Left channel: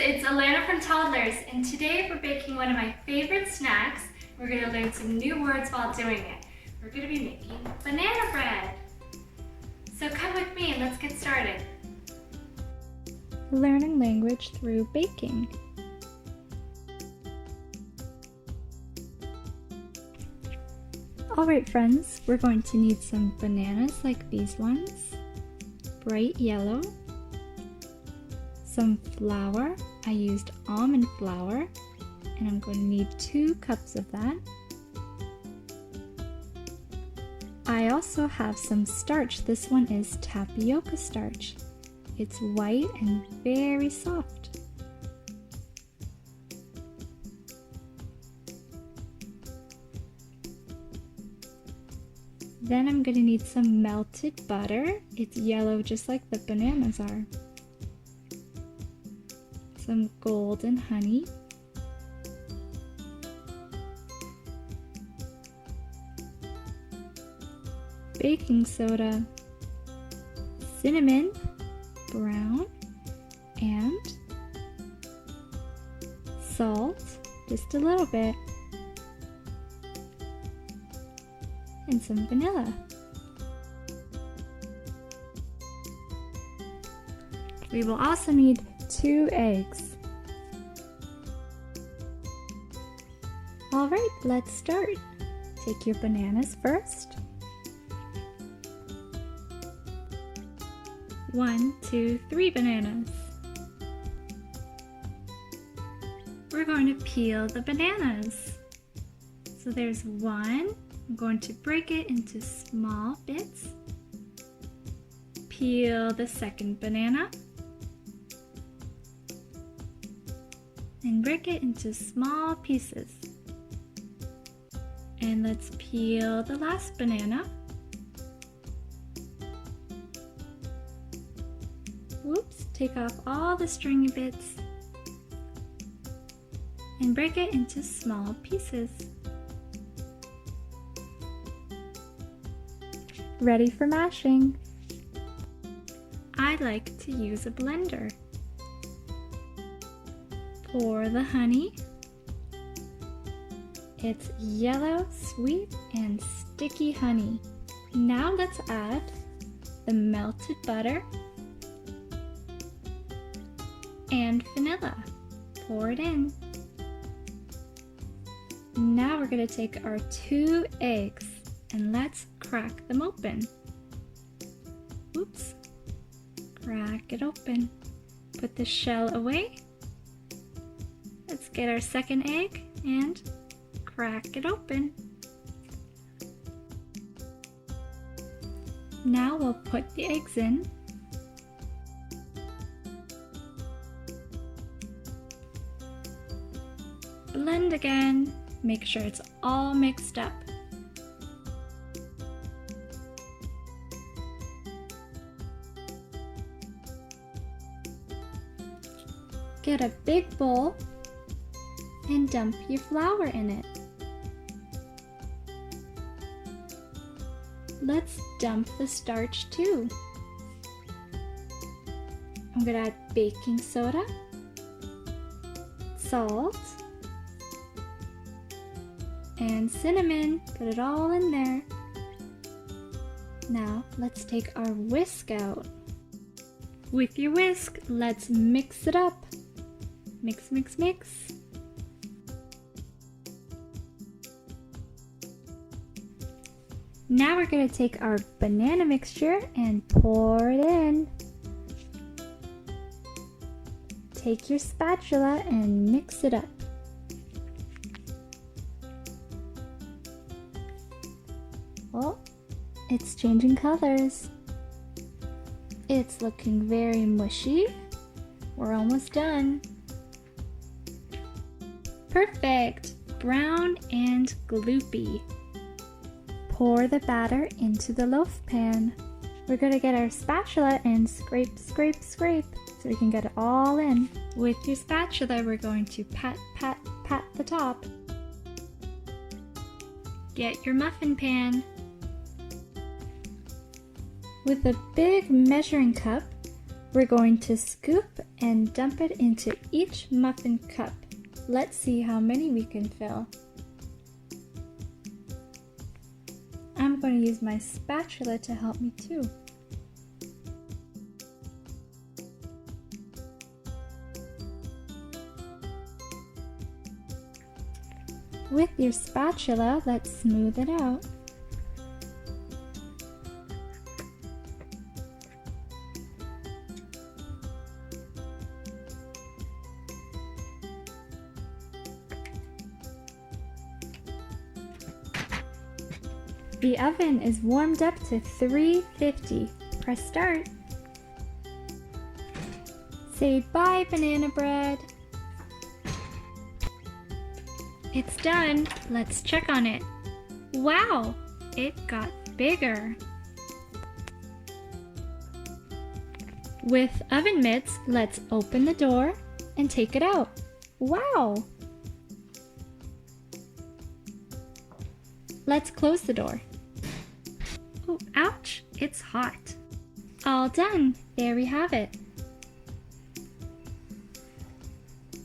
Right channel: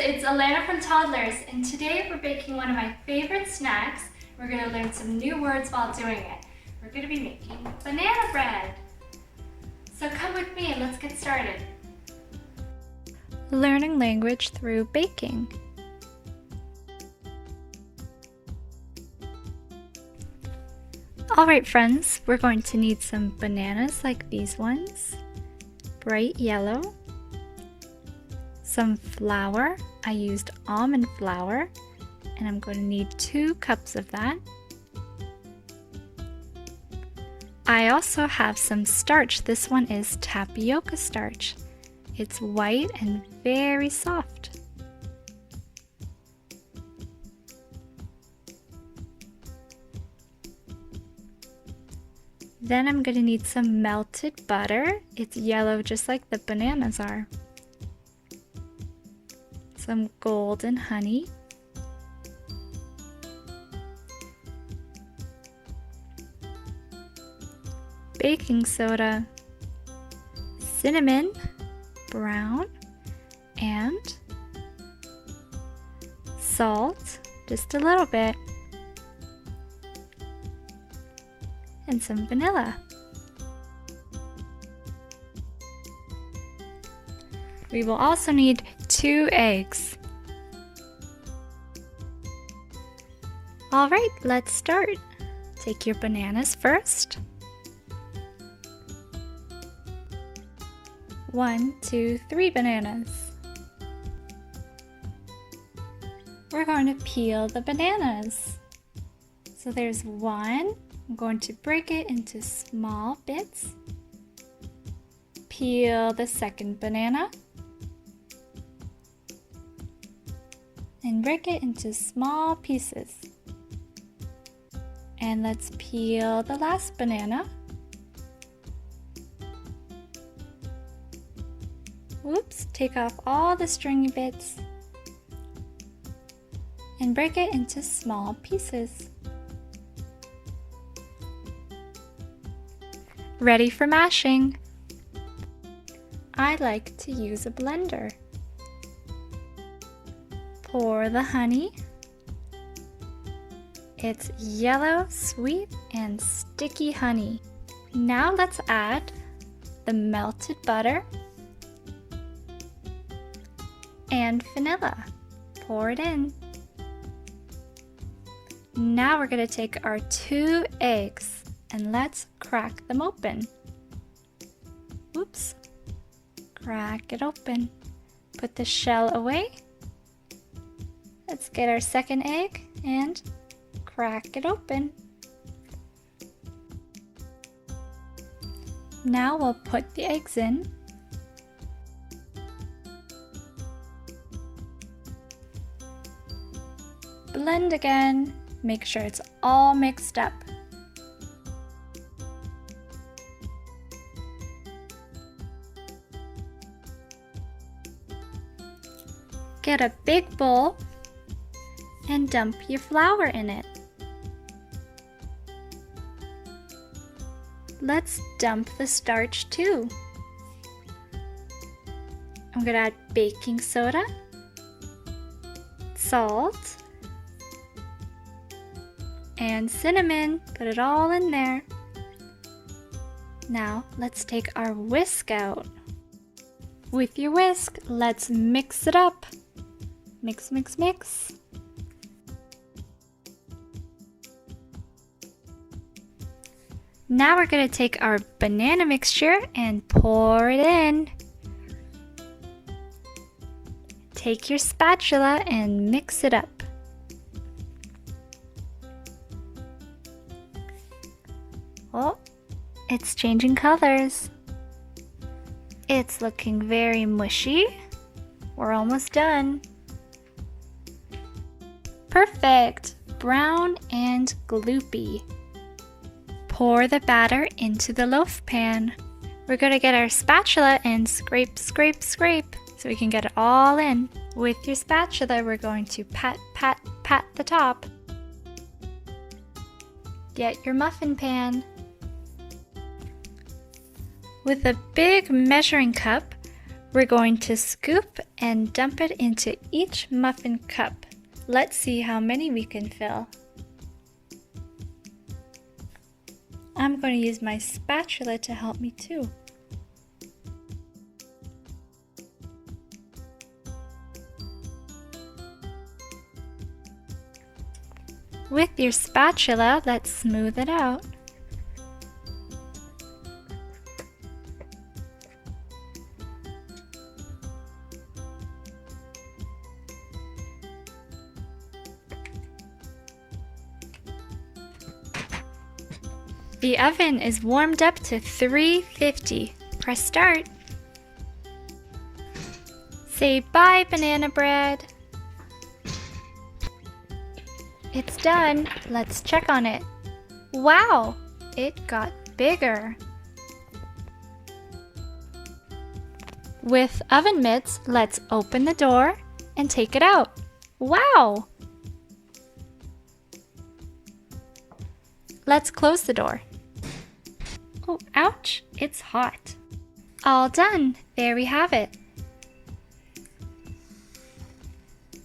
it's Alana from Toddlers, and today we're baking one of my favorite snacks. We're going to learn some new words while doing it. We're going to be making banana bread. So come with me and let's get started. Learning language through baking. Alright friends, we're going to need some bananas like these ones, bright yellow, some flour. I used almond flour and I'm going to need 2 cups of that. I also have some starch. This one is tapioca starch. It's white and very soft. Then I'm going to need some melted butter. It's yellow just like the bananas are. Some golden honey. Baking soda. Cinnamon, brown, and salt, just a little bit. And some vanilla. We will also need 2 eggs. Alright, let's start. Take your bananas first. 1, 2, 3 bananas. We're going to peel the bananas. So there's 1. I'm going to break it into small bits. Peel the second banana. And break it into small pieces. And let's peel the last banana. Whoops, take off all the stringy bits. And break it into small pieces. Ready for mashing. I like to use a blender. Pour the honey. It's yellow, sweet, and sticky honey. Now let's add the melted butter and vanilla. Pour it in. Now we're going to take our 2 eggs and let's crack them open. Oops. Crack it open. Put the shell away. Let's get our second egg and crack it open. Now we'll put the eggs in. Blend again. Make sure it's all mixed up. Get a big bowl and dump your flour in it. Let's dump the starch too. I'm going to add baking soda, salt, and cinnamon. Put it all in there. Now let's take our whisk out. With your whisk, let's mix it up. Mix, mix, mix. Now we're going to take our banana mixture and pour it in. Take your spatula and mix it up. Oh, it's changing colors. It's looking very mushy. We're almost done. Perfect! Brown and gloopy. Pour the batter into the loaf pan. We're going to get our spatula and scrape, scrape, scrape so we can get it all in. With your spatula, we're going to pat, pat, pat the top. Get your muffin pan. With a big measuring cup, We're going to scoop and dump it into each muffin cup. Let's see how many we can fill. I'm going to use my spatula to help me too. With your spatula, let's smooth it out. The oven is warmed up to 350. Press start. Say bye, banana bread. It's done. Let's check on it. Wow, it got bigger. With oven mitts, let's open the door and take it out. Wow! Let's close the door. Oh, ouch, it's hot. All done. There we have it.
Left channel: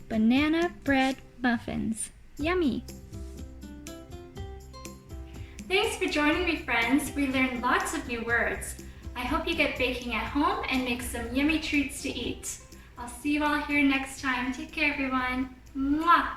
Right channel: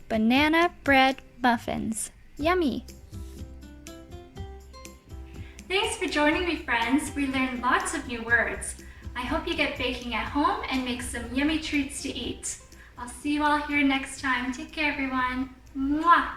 Banana bread muffins. Yummy! Thanks for joining me, friends. We learned lots of new words. I hope you get baking at home and make some yummy treats to eat. I'll see you all here next time. Take care, everyone. Mwah!